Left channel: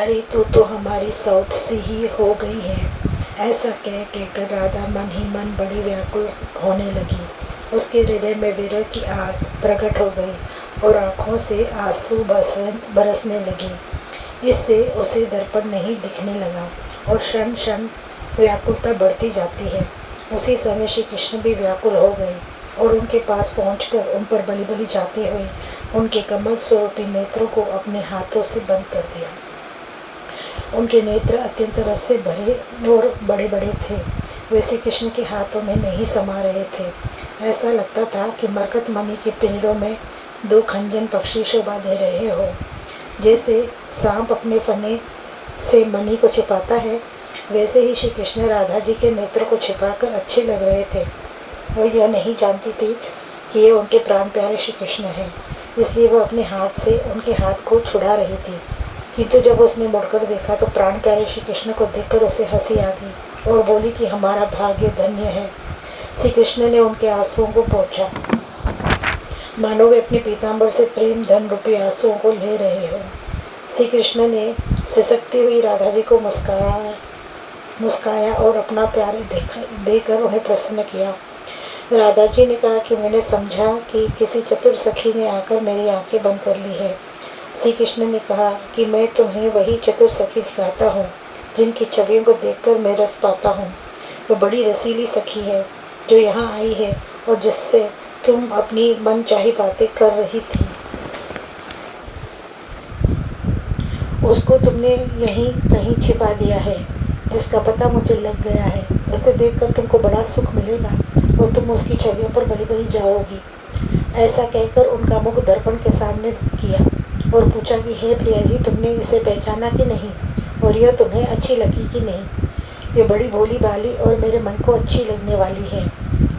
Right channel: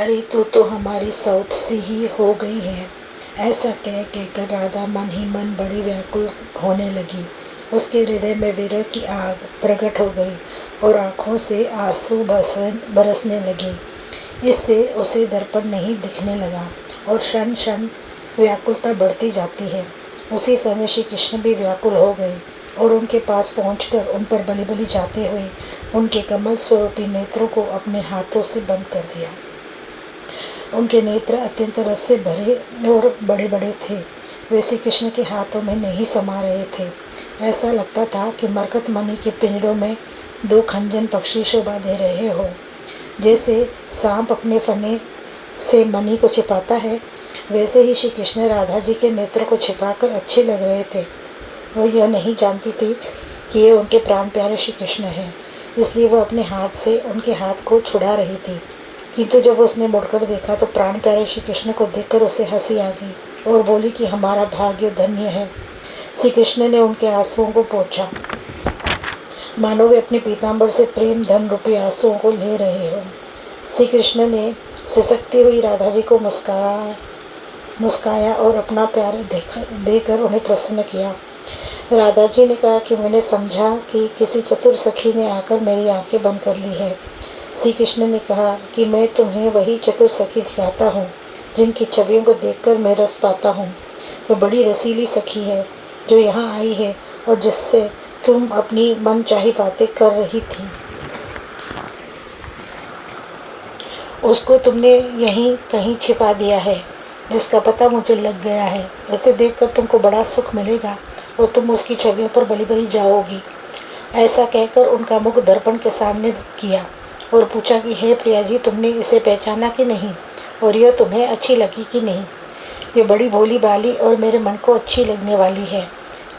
अरे तू तो हमारी सौत सी ही हो गई है। ऐसा कह कहकर राधा मन ही मन बड़ी व्याकुल होने लगी। उसके हृदय में विरह की आग प्रकट हो गई और आँखों से आंसू बरसने लगे। इससे उसे दर्पण नहीं दिखने लगा और क्षण क्षण व्याकुलता बढ़ती जाती है। उसी समय श्री कृष्ण भी व्याकुल हो गए और उनके पास पहुंचकर उन पर बलि बलि जाते हुए उनके कमल स्वरूपी नेत्रों को अपने हाथों से बंद कर दिया। उनके नेत्र अत्यंत रस से भरे और बड़े बड़े थे। वे श्री कृष्ण के हाथों में नहीं समा रहे थे। ऐसा लगता था कि मरकत मणि के पिंजड़ों में दो खंजन पक्षी शोभा दे रहे हो। जैसे सांप अपने फने से मणि को छिपाता है, वैसे ही श्री कृष्ण राधा जी के नेत्रों को छिपाकर अच्छे लग रहे थे। वो यह नहीं जानती थी कि ये उनके प्राण प्यारे श्री कृष्ण हैं, इसलिए वह अपने हाथ से उनके हाथ को छुड़ा रही थी। किंतु जब उसने मुड़कर देखा तो प्राण प्यारे श्री कृष्ण को देखकर उसे हंसी आ गई और बोली कि हमारा भाग्य धन्य है। श्री कृष्ण ने उनके आंसुओं को पोंछा, मानो वे अपने पीताम्बर से प्रेम धन रूपी आंसुओं को ले रहे हो। श्री कृष्ण ने सिसकती हुई राधा जी को मुस्काया और अपना प्यार देकर उन्हें प्रसन्न किया। राधा जी ने कहा कि मैंने समझा कि किसी चतुर सखी ने आकर मेरी आंखें बंद कर ली है। श्री कृष्ण ने कहा कि मैं तुम्हें वही चतुर सखी दिखाता हूँ जिनकी छवियों को देखकर मैं रस पाता हूँ। वो बड़ी रसीली सखी है जो यहाँ आई है और जिससे तुम अपनी मनचाही बातें कर रही थी। उसको तुमने यहीं कहीं छिपा दिया है, जिसका पता मुझे लग गया है। उसे देखकर तुमको बड़ा सुख मिलेगा और तुम उसकी छवियों पर बलि बलि जाओगी। ऐसा कहकर उनका मुख दर्पण के सामने किया और पूछा कि हे प्रिया जी, तुमने इसे पहचाना कि नहीं और यह तुम्हें अच्छी लगी कि नहीं। ये बड़ी भोली बाली और मेरे मन को अच्छी लगने वाली है।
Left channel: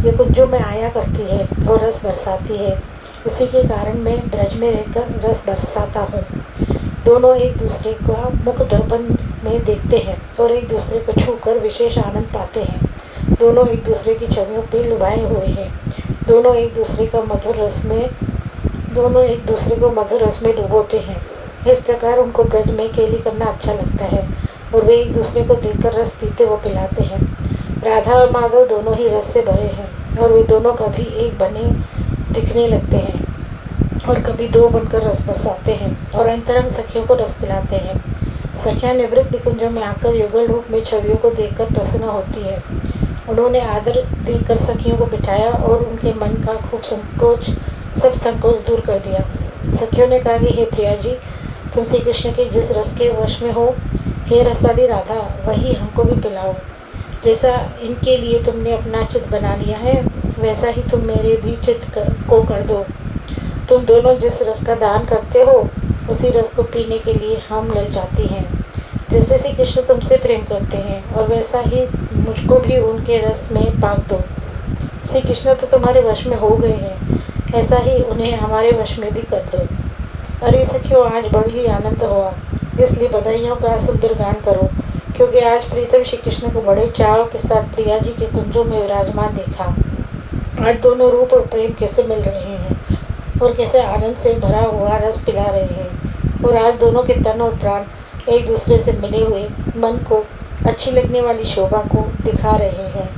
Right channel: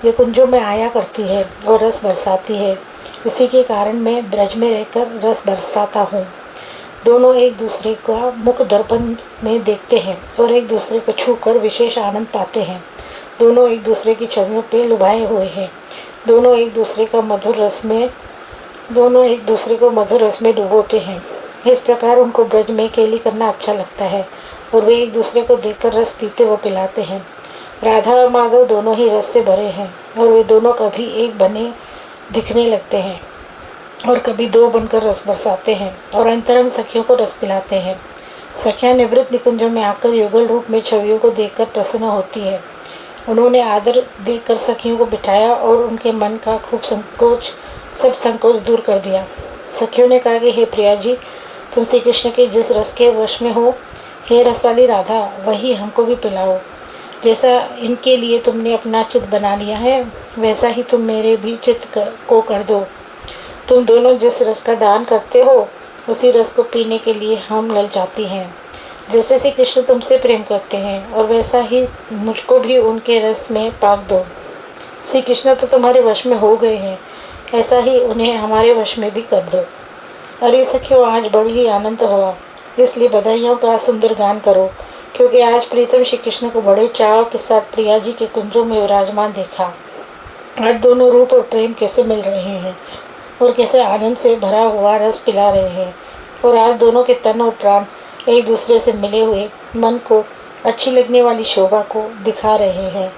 ये कुंजों में आया करती है और रस बरसाती है। इसी के कारण मैं ब्रज में रहकर रस बरसाता हूँ। दोनों एक दूसरे का मुख दर्पण में देखते हैं और एक दूसरे को छूकर विशेष आनंद पाते हैं। दोनों एक दूसरे की छवियों पे लुभाए हुए हैं। दोनों एक दूसरे को मधुर रस में डुबोते हैं। इस प्रकार उनको ब्रज में केली करना अच्छा लगता है और वे एक दूसरे को देखकर रस पीते व पिलाते हैं। राधा और माधव दोनों ही रस से भरे हैं और वे दोनों कभी एक बने दिखने लगते हैं और कभी दो बनकर रस बरसाते हैं और अंतरंग सखियों को रस पिलाते हैं। सखियां निवृत्त निकुंजों में आकर युगल रूप में छवियों को देखकर प्रसन्न होती है। उन्होंने आदर देकर सखियों को बिठाया और उनके मन का सब संकोच दूर कर दिया। सखियों ने कहा कि हे प्रिया जी, तुम श्री कृष्ण के जिस रस के वश में हो, हे रस वाली राधा, वही हमको भी पिलाओ। जैसा इनके लिए तुमने अपना चित्त बना लिया है, वैसा ही तुम मेरे भी चित्त को कर दो। तुम दोनों जिस रस का दान करते हो, उसी रस को पीने के लिए हम ललचाती हैं। जैसे श्री कृष्ण तुमसे प्रेम करते हैं और वैसा ही मुझको भी उनके रस में पाक दो। श्री कृष्ण तो तुम्हारे वश में हो गए हैं, ऐसा ही उन्हें हमारे वश में भी कर दो। अरे सखियों, आज बड़ी ही आनंद हुआ, इसलिए बधाइयों का सुंदर गान करो, क्योंकि आज प्रीतम श्री कृष्ण को बड़े चाव के साथ प्रिया जी के कुंजों में विराजमान देखा। आज दोनों रूप और प्रेम कैसे मिल रहे हैं और कैसे आनंद से भरा हुआ रस पिला रहे हैं। और आज दोनों के तन और प्राण एक दूसरे से मिले हुए मन को अच्छी लगने वाली शोभा को दिखा रहे हैं।